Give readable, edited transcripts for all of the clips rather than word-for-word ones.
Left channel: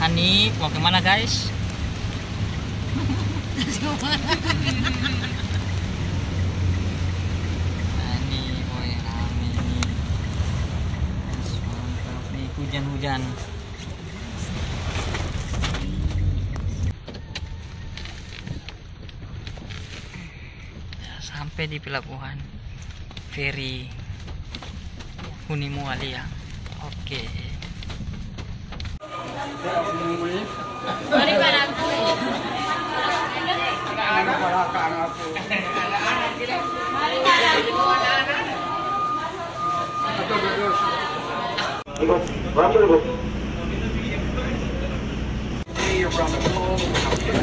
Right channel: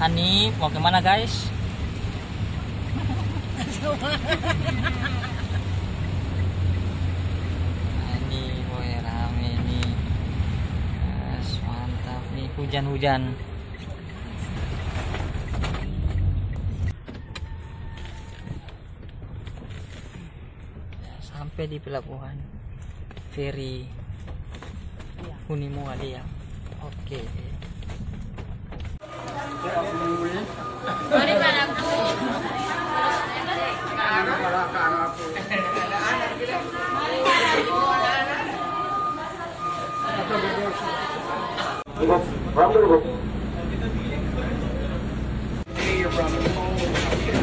Hani mau kemana guys? Hani boy rame nih. Yes, mantap nih hujan-hujan. Ya, sampai di pelabuhan feri Hunimualia. Oke. Mari padaku.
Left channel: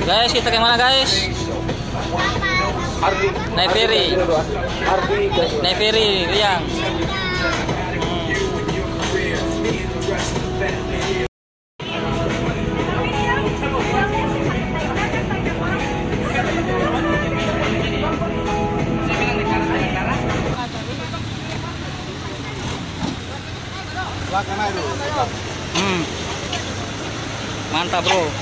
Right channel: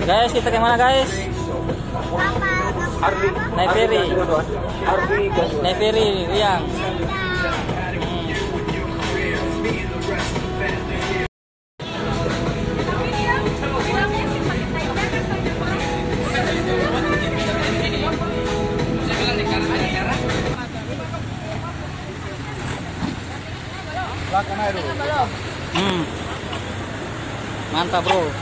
Guys, kita kemana guys? Naik ferry. Naik ferry, Riang. Mantap bro.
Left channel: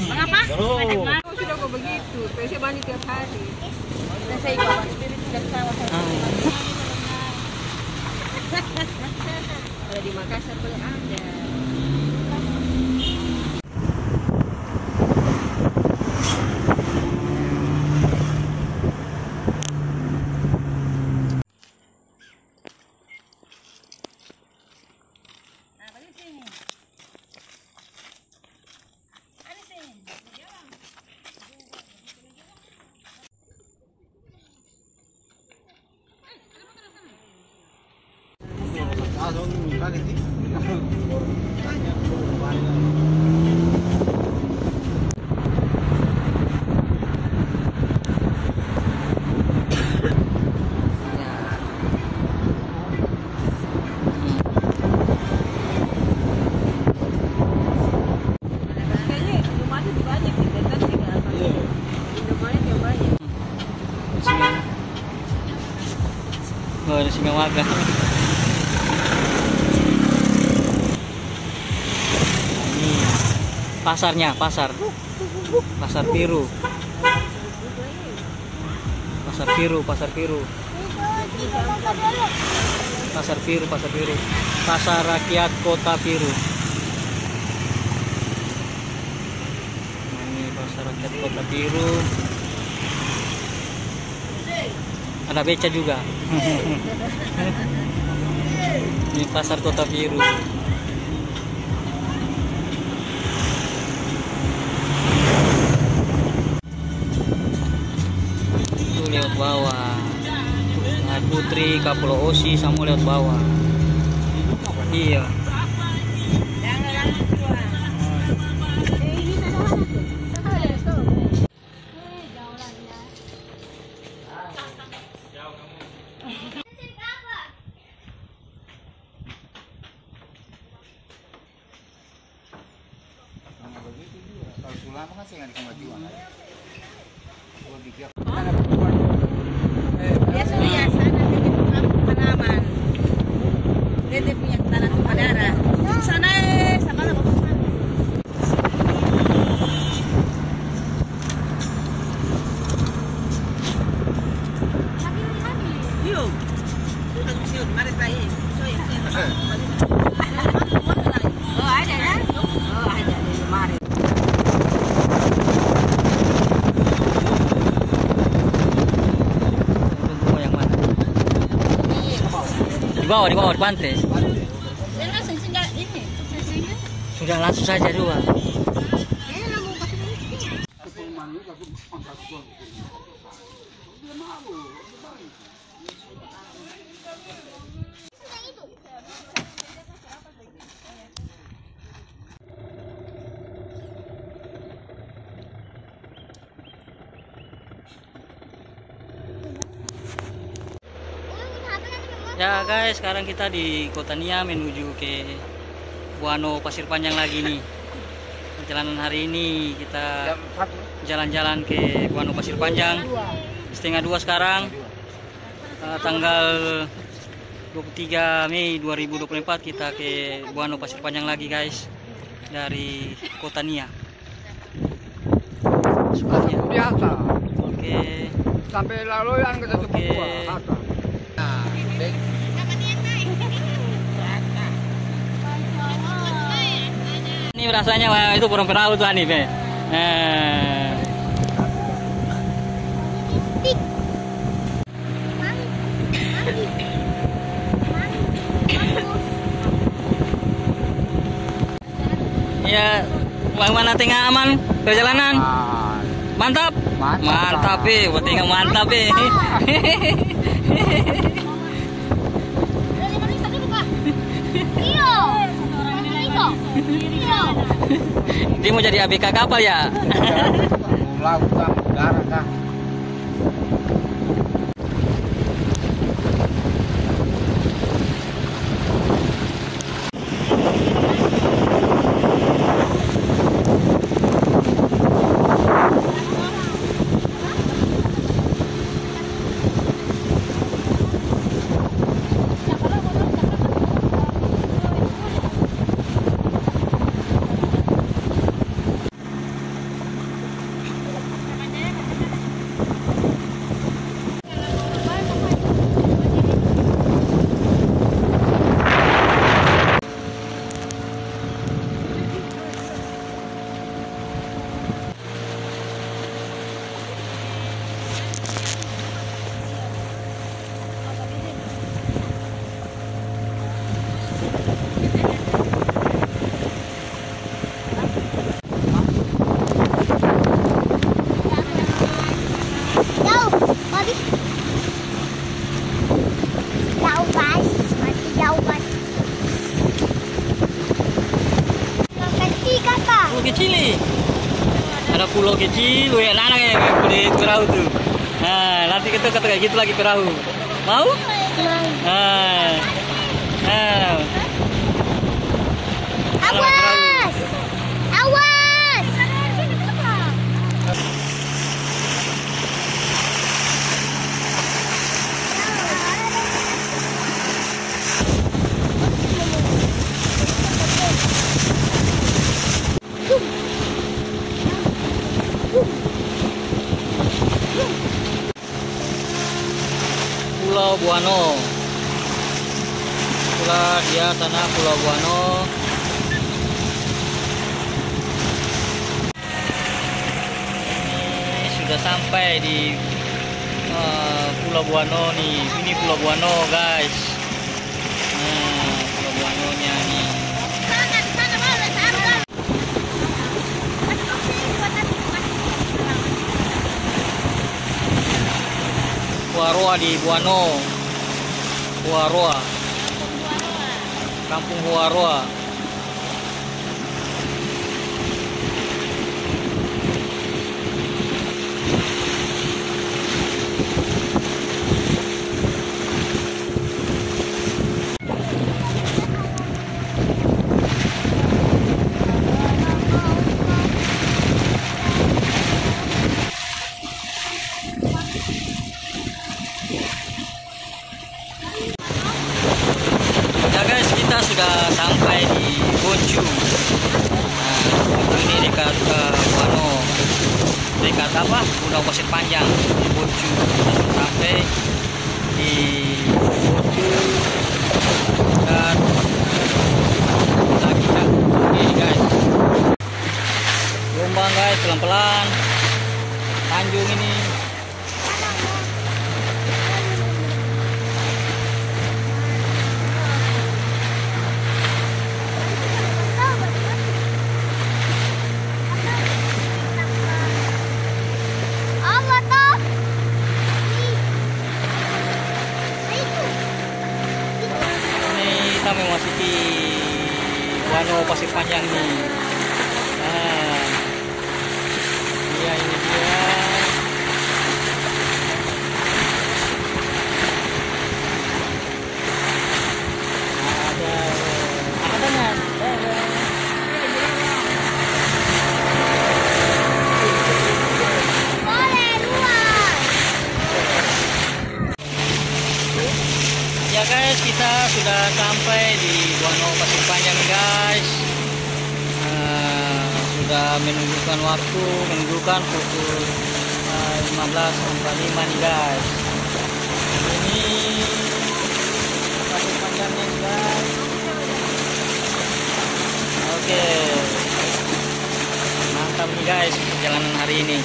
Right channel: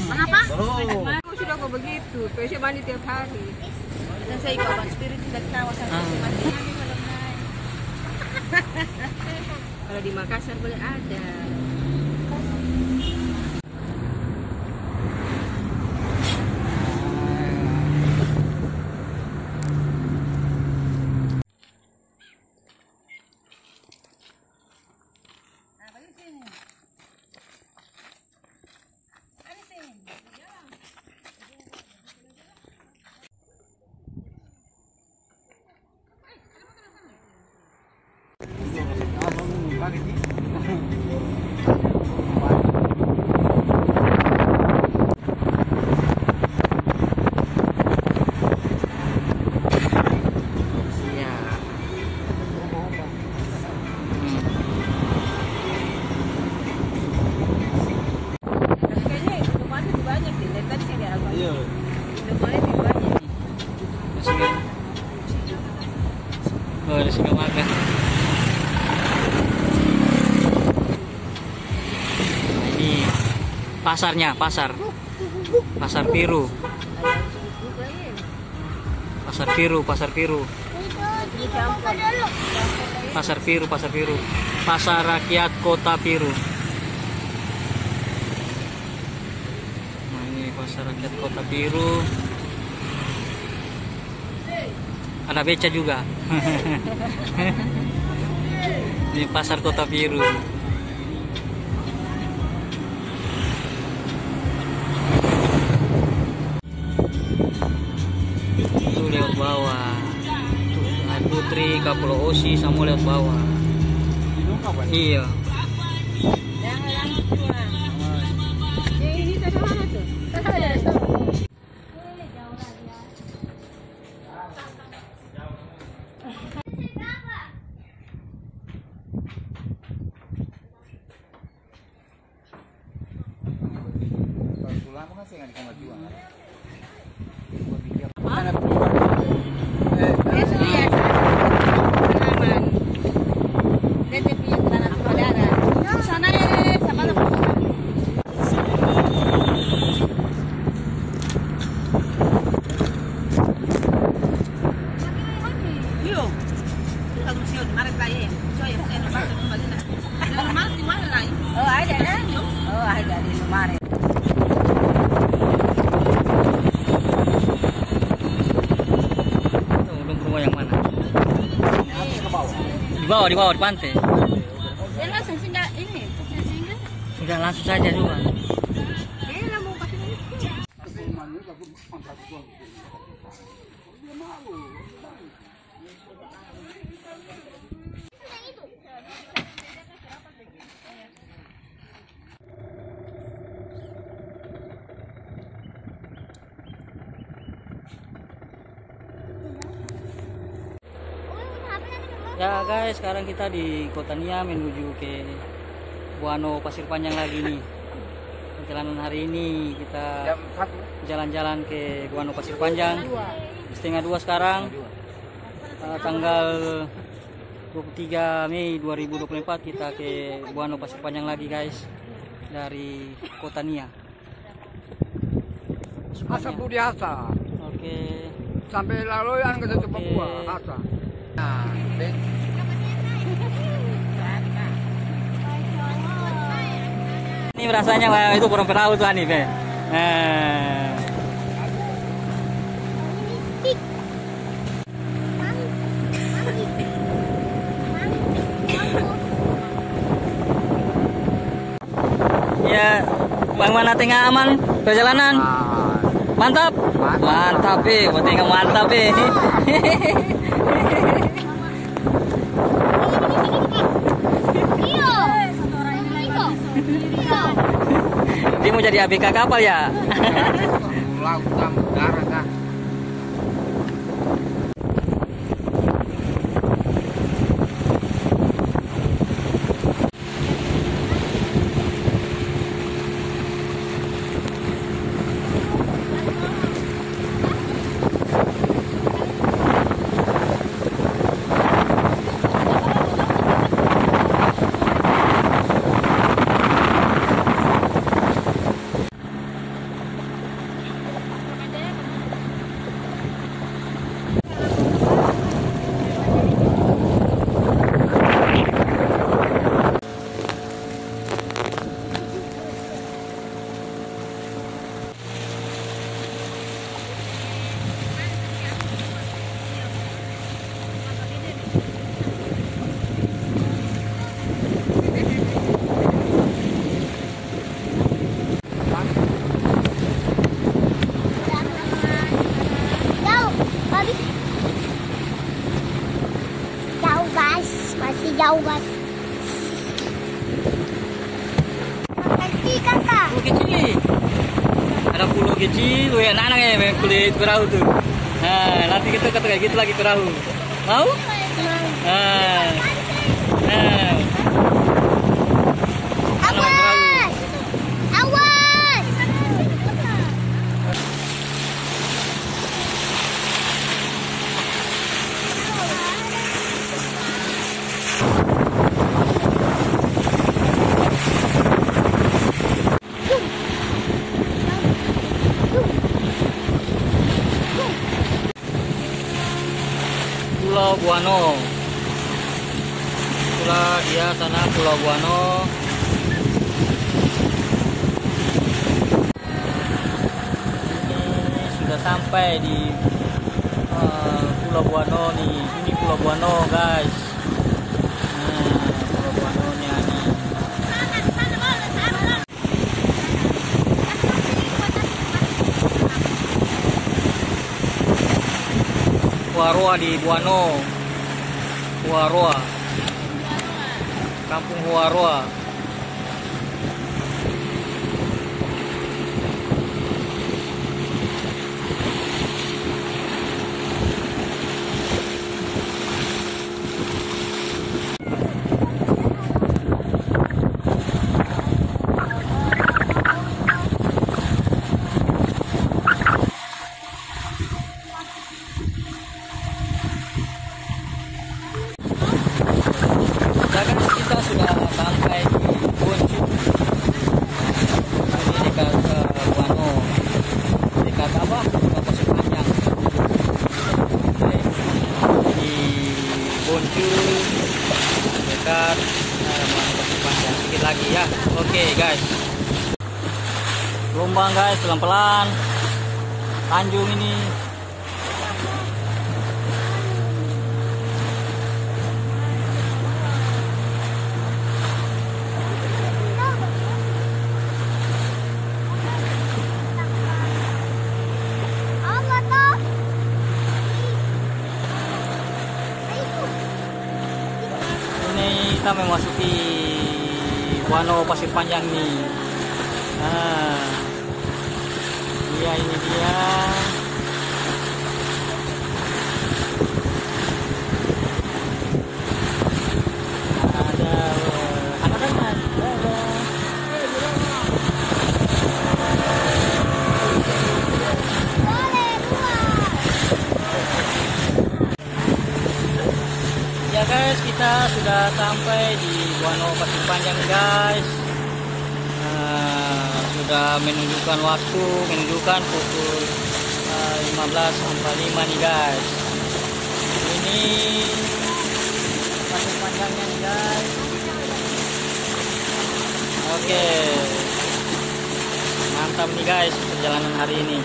Mengapa? Oh, sudah kok begitu. Saya mandi tiap hari. Dan saya ikut Abang Spirit tidak ketawa sama Kalau di Makassar boleh ada. Oh, ada singa marga. Nah, ini pasarnya, pasar biru. Pasar biru. Pasar rakyat Kota Biru. Nah, ini pasar rakyat Kota Biru. Ada beca juga. Di pasar Kota Biru. Itu lewat bawah. Putri Kapulau Osi sama lewat bawah. Iya. Di bawah di pantai. Sudah langsung saja juga. Ya guys, sekarang kita di Kota Nia menuju ke Buano Pasir Panjang lagi nih. Perjalanan hari ini kita jalan-jalan ke Buano Pasir Panjang. Setengah 2 sekarang. Tanggal 23 Mei 2024 kita ke Buano Pasir Panjang lagi guys. Dari Kota Nia. Biasa. Oke. Sampai lalu yang kita coba buat. Nah, ini rasanya wah, itu burung perahu tuh nih, Be. Ya, bagaimana tengah aman perjalanan? Mantap. Mantap, tengah mantap, Dia mau jadi ABK kapal ya? laut kan, darat kan. Pulau kecil nih. Ada pulau kecil, anak-anak yang perahu tuh. Nah, nanti kita kayak gitu lagi perahu. Mau? Nah. Nah. Kalau main perahu. Awas! Pulau Buano. Pulau dia sana Pulau Buano. Ini sudah sampai di Pulau Buano nih. Ini Pulau Buano guys. Nah, Pulau Buano nya nih. Huaroa di Buano. Huaroa. Kampung Huaroa. Ya guys, kita sudah sampai di Bonju. Nah, Bonju ini dekat Buano. Dekat apa? Buano Pasir Panjang. Bonju. Kita sudah sampai di Bonju. Dekat lagi ya. Oke guys. Gelombang guys, pelan-pelan. Tanjung ini. Kita memasuki Buano Pasir Panjang ini. Nah, ini dia. kita sudah sampai di Guano Pasir Panjang nih guys. Sudah menunjukkan waktu, menunjukkan pukul 15.45 nih guys. Ini Pasir Panjangnya nih guys. Oke, mantap nih guys perjalanan hari ini.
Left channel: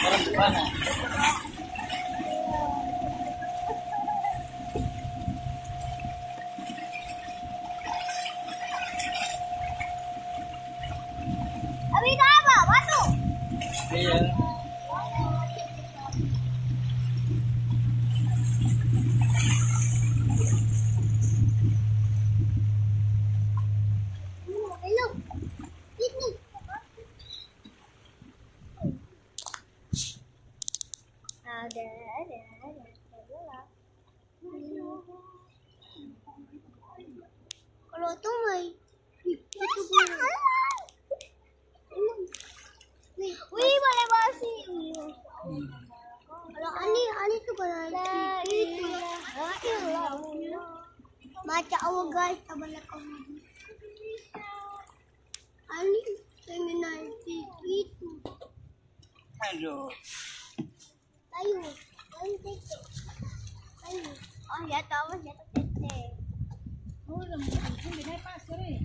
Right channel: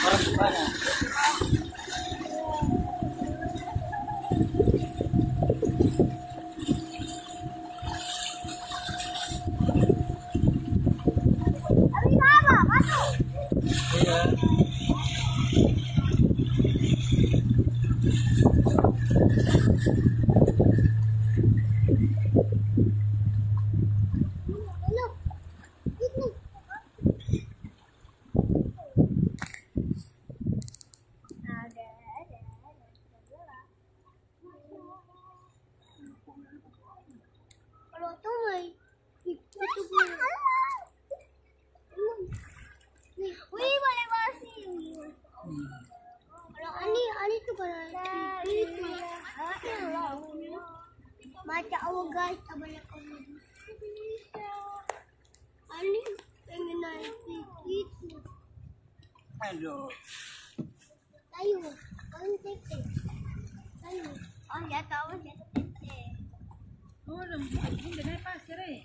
Orang di mana? Abi apa? Batu. Iya. Hello. Ini. Ada. Kalau tuh mai itu wih boleh basi. Kalau ani tuh kan itu. Baca awal guys, tabanya kamu. Ani pengen naik itu. Aduh. Ayo, kamu tete. Ayo. Oh ya tahu ya tete. Oh, udah naik pasir ya.